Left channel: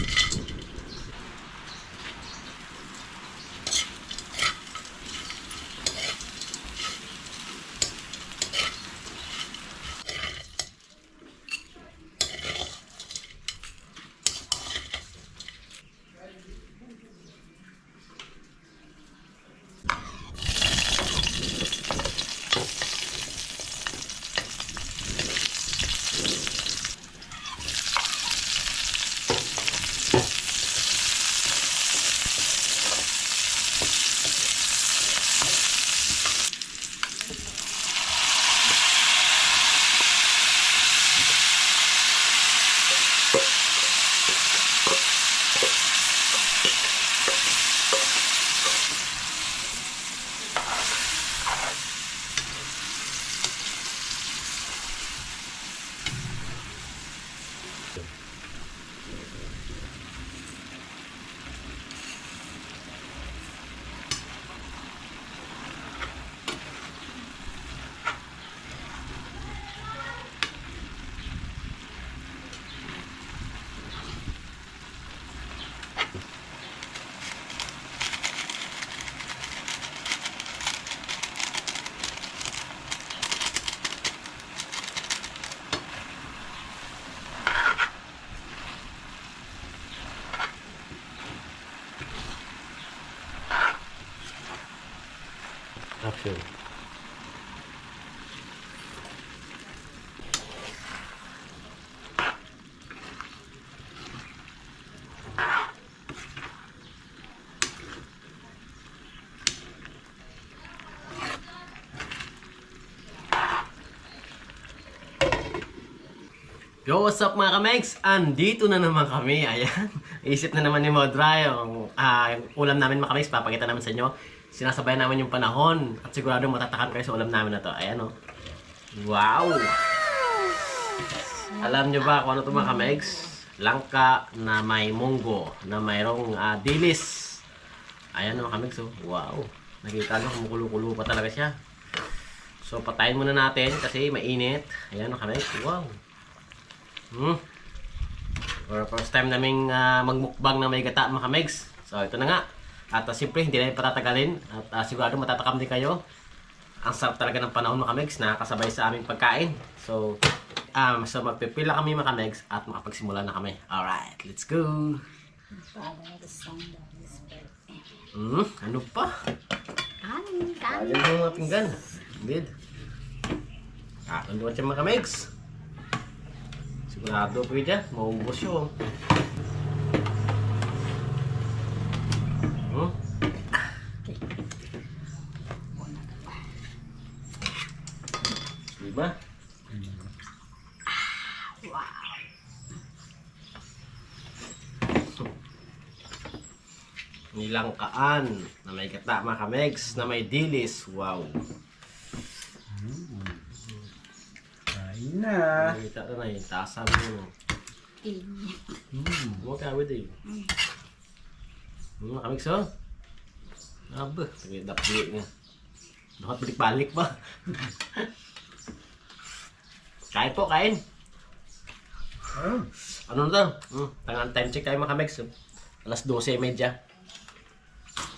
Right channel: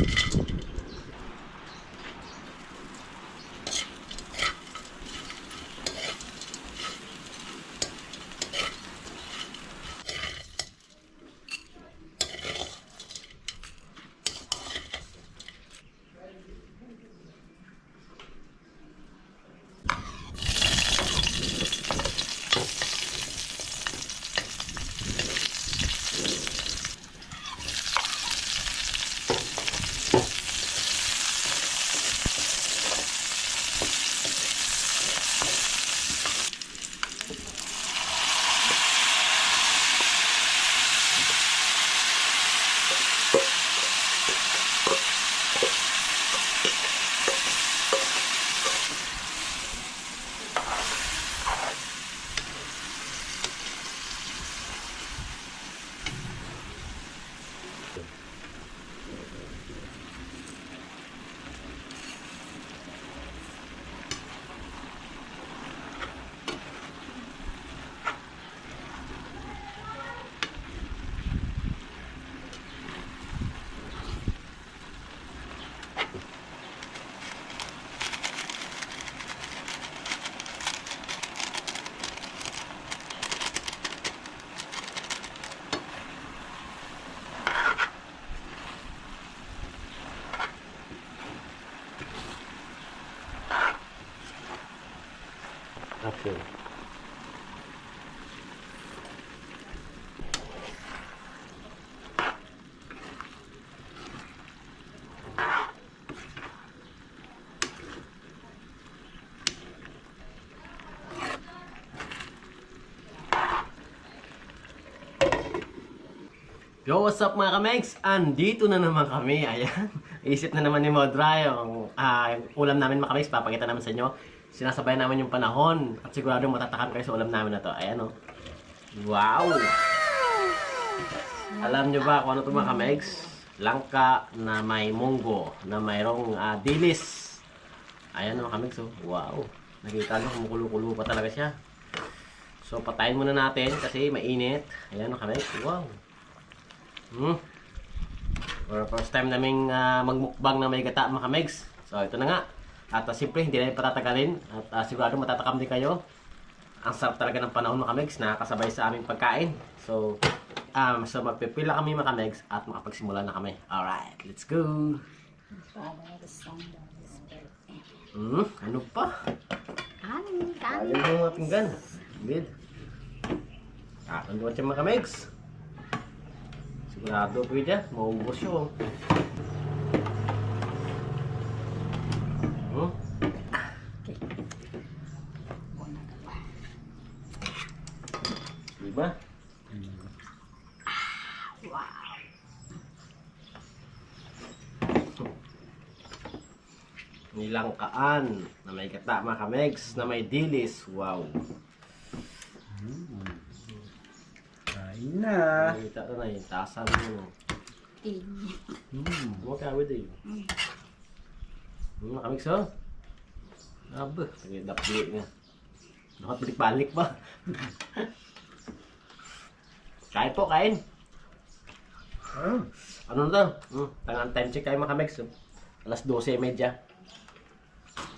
Action. Yo, what's up mga kamegs? Andito na naman kami. Ayan. Isip na naman ni Modra yung ulam namin mga kamegs. Papakita namin sa inyo. Sinasabayan namin yung panahon. At sigurado matatakan kayo sa ulam namin na to. Ayan o. Wow! Alam nyo ba kung ano ito mga kamegs? Langka na may munggo. Na mayroong dilis. Ayan mga kamegs o. Wow! Nakita nyo kumukulo-kulo pa talaga siya. So patayin muna natin kasi mainit. Ayan mga kamegs. Wow! For first time naming magmukbang na may gata mga kamegs. So ito na nga. At siyempre hindi na patatagalin. At sigurado matatakam din kayo. Ang sarap talaga ng panahon mga kamegs. Nakakasabay sa aming pagkain. So magpipila kami mga kamegs. At makapagsimula na kami. Alright, let's go. Ano pa? Kanin. Ayun yung mga pinggan. Bid. Tunduan siya mga kamegs. Sigurado po dyan, maubos yun. Diba? Wow. Nilangkaan na may gata mga kamegs, na may dilis. Wow. Kain na. Nakita na yung tasa mo. Huwag kawid eh. Mga kamegs oh. Aba, dapli nga. Dapat balik-balik pa. Kain po, kain. Ano na to? Tangan time check kayo mga kamegs. Alas 12:30.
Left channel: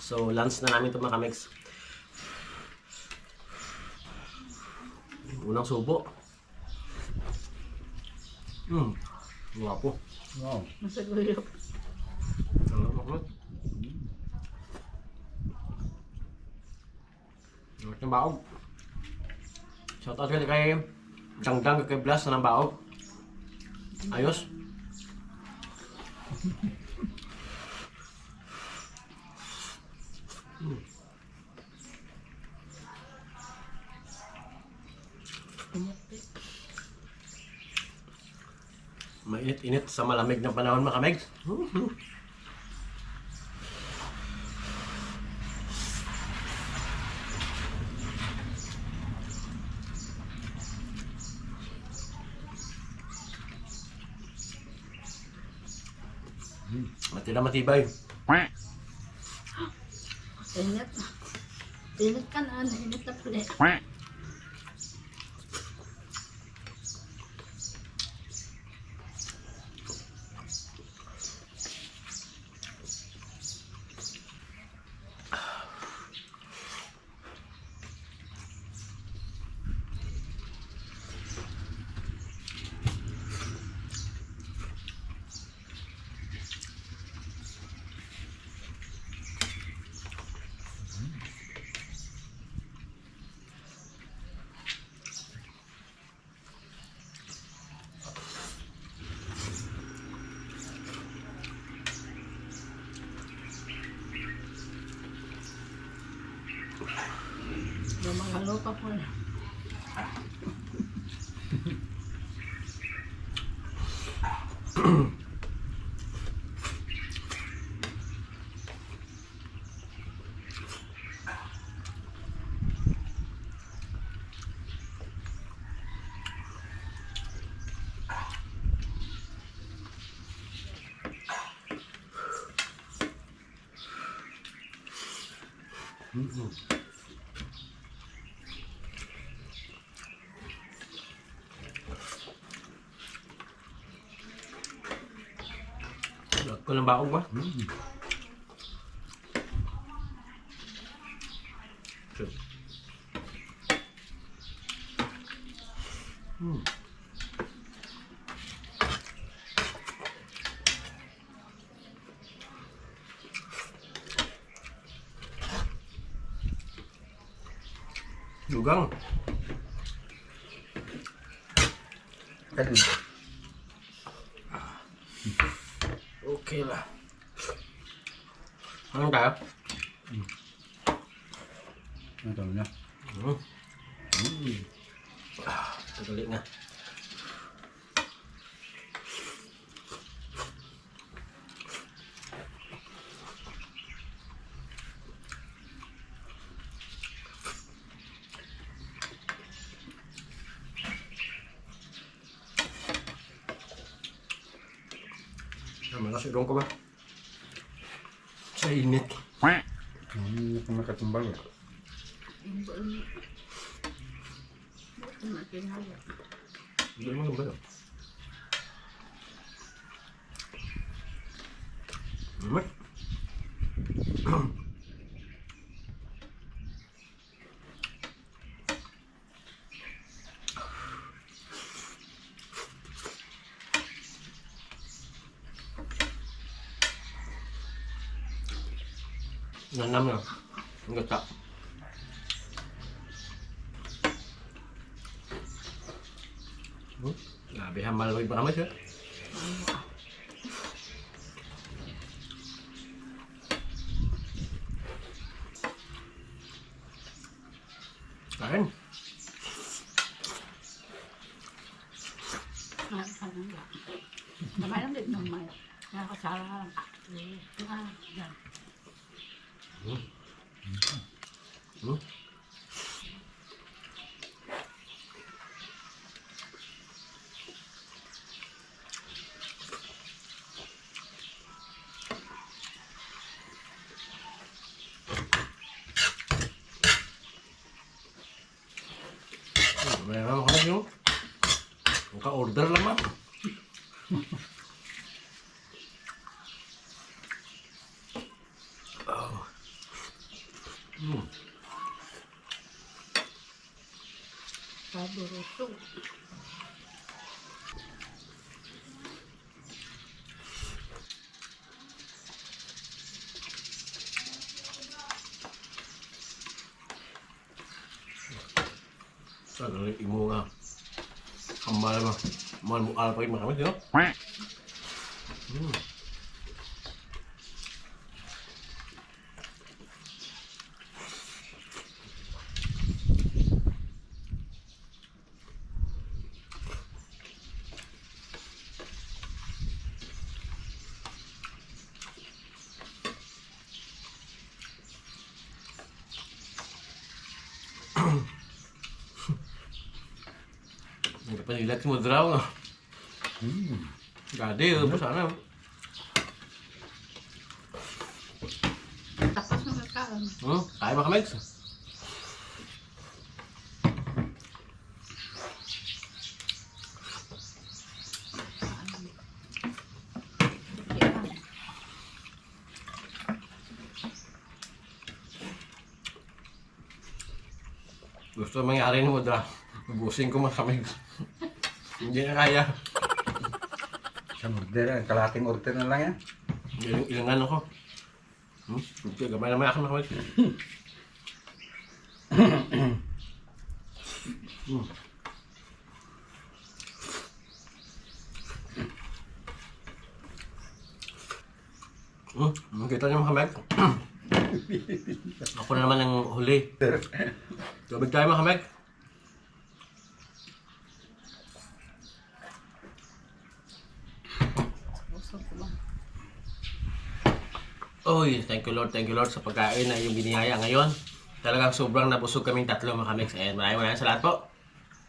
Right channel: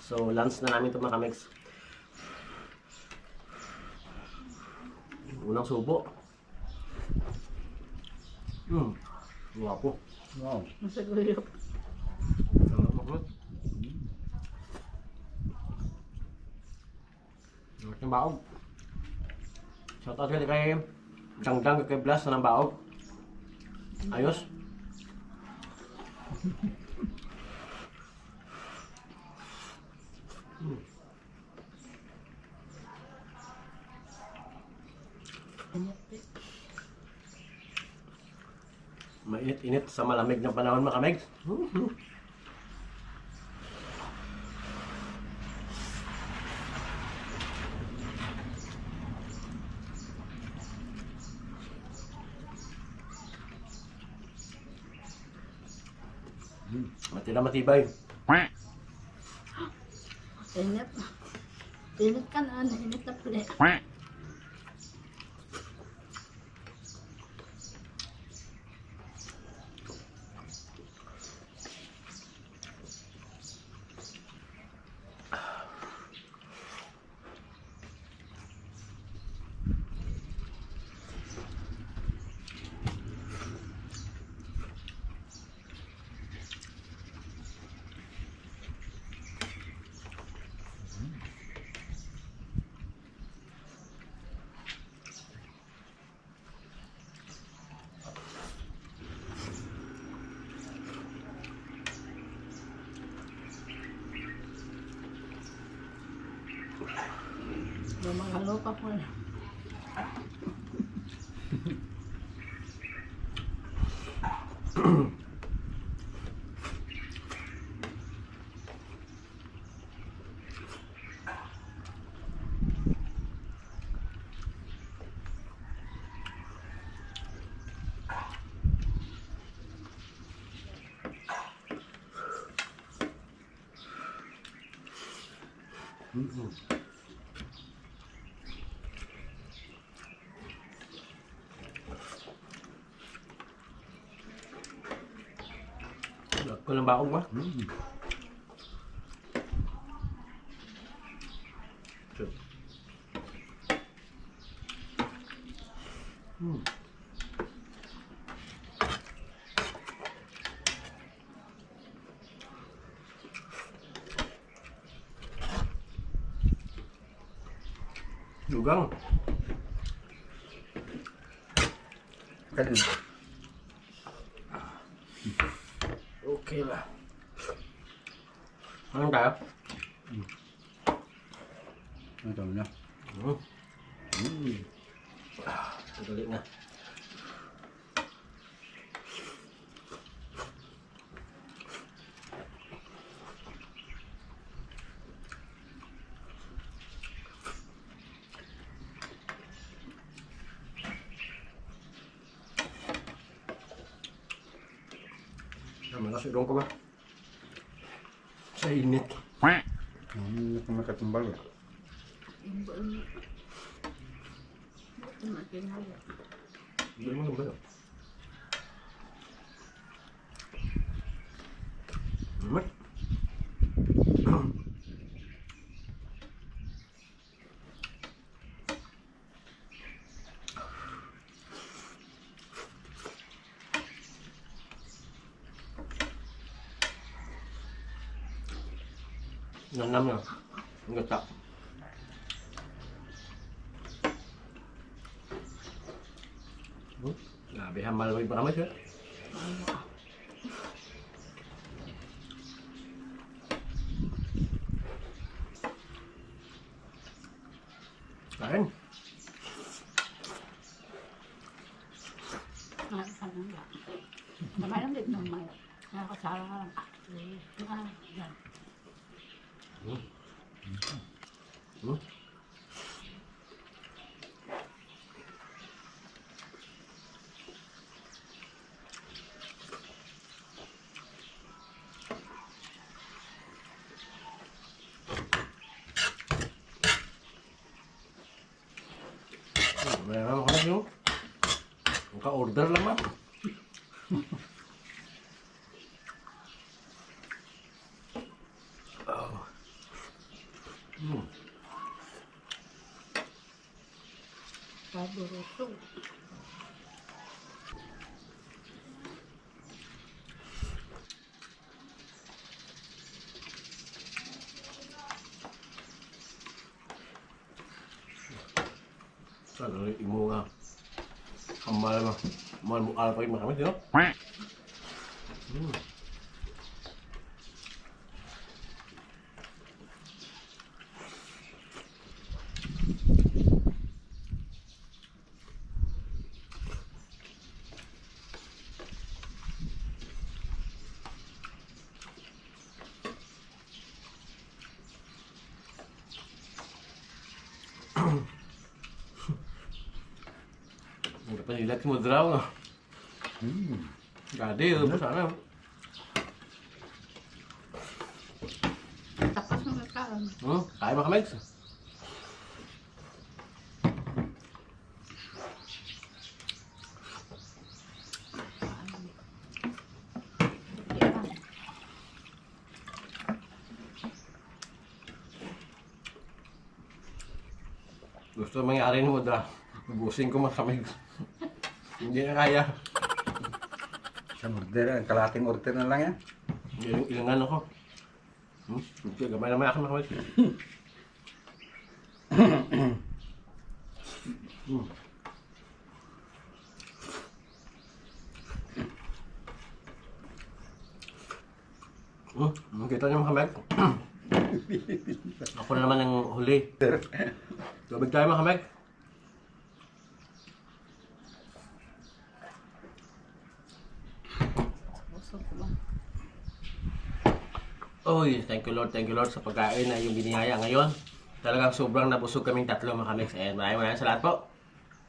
So, lunch na namin ito mga kamegs. Unang subo. Guwapo. Wow. Masagulok. Ng baog. Shout out kay Dangdang kay Blas na ng baog. Ayos. Mainit-init sa malamig na panahon mga kamegs. Matira matibay. Init. Init ka na. Init na pala. Ko ng baog ba? Lugang. Kan. Okay lah. Ano tayo? Ito na. Tutulik nga. Nasi udang ko ba? Sa init. Hindi ko makatumbal. Yung buong buong makinaya. Hindi mo gamba yun. Nanam na. Ang gata. Grabe, hamal mo iba kami siya. Kain. Parang lang. Kamay lang din ng may. Nakakasara lang. Yan. Meron ako yung ka-order lang ma'am. Paborito. Sana ulit imo nga. Hamal mo. Hamal mo alpa yung makamit, no? Panilat mo draw, no? Gade, po sana. Tapos ng kakaan. Kaya ba kami? Gusto mangyari mo dra. Ubusin ko mga kami. Hindi na kaya. Sa order, kalating order na lang yan. Ilangan ako. Hindi, gamay naman ako mga kami. Kita niyo mga kamay. Ako na naman ang huli. Tubig tayo mga kamay. Oy, thank you Lord sa pagkain na yung biniyaya ngayon. Talagang sobrang nabusog kaming tatlo mga kamigs. Ayan, maraming salamat po.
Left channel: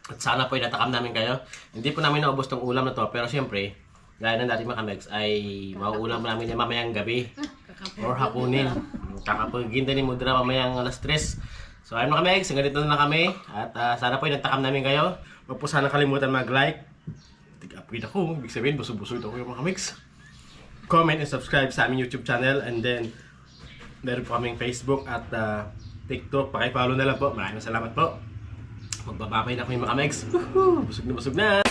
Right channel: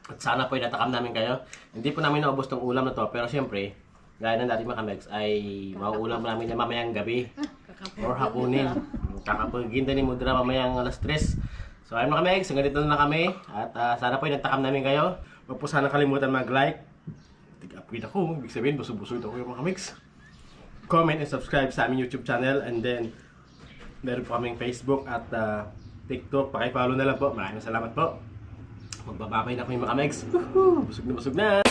At sana po natakam namin kayo. Hindi po namin naubos tong ulam na to, pero siyempre, gaya ng dating mga kamigs, ay mauulam namin na mamayang gabi or hapunin. Kakapagin din ni Mudra mamayang alas 3. So ayun mga kamigs, hanggang dito na kami. At sana po natakam namin kayo. Huwag po sana kalimutan mag-like. Tig-upgrade ako, ibig sabihin busog-busog ako yung mga kamigs. Comment and subscribe sa aming YouTube channel, and then meron po kaming Facebook at TikTok. Paki-follow na lang po. Maraming salamat po. Magbababay na kami mga kamigs. Busog na busog na.